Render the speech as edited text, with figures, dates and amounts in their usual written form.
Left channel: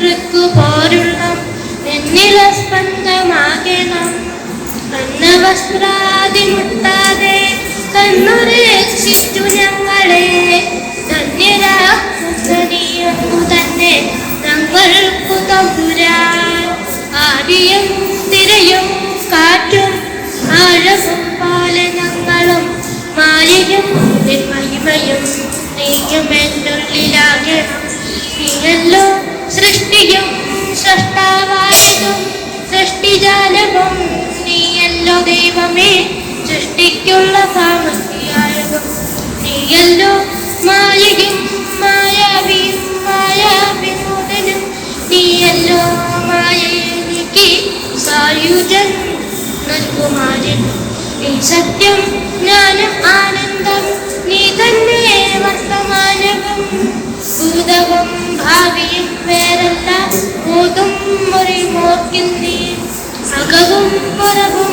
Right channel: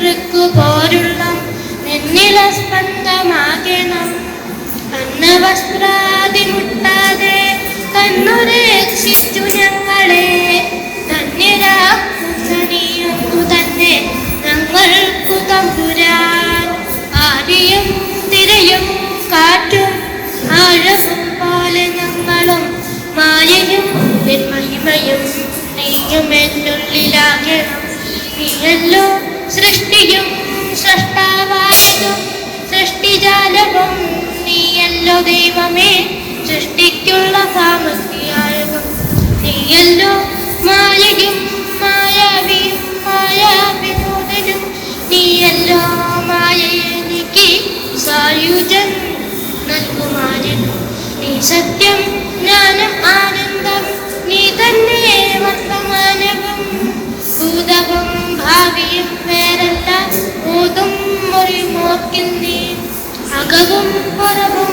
പോരുണം എന്നില സ്പന്ദമാകണം അന്നവസ്ത്രാദി മുട്ടാതെ കണ്ണുരക്ഷിച്ചു ഞങ്ങളെ ധന്യരാക്കുന്നു തന്നെ ഞങ്ങൾക്കു തമ്പുരാൻ ആദിയും തിരയും കാറ്റും ആഴവും പോലെ ഞങ്ങളും മായയും മഹിമയും നീയുമെന്നുള്ളിലാകണം നീയല്ലോ സൃഷ്ടിയും സൃഷ്ടാവായും സൃഷ്ടിജാലവും നീയല്ലോ ദൈവമേ സൃഷ്ടിക്കുള്ള സാമഗ്രിയായതും നീയല്ലോ മായയും മായാവിയും മായാവിമോചനം നീയല്ലോ മായയെനിക്ക് സായുജൻ നൽകുമാരനും നീ സത്യം ജ്ഞാനം ആനന്ദം നീ തന്നെ വർത്തമാനവും ഭൂതവും ഭാവിയും വേറല്ല ബോധം മുറിമോർക്കുന്നേ അകവും പുറവും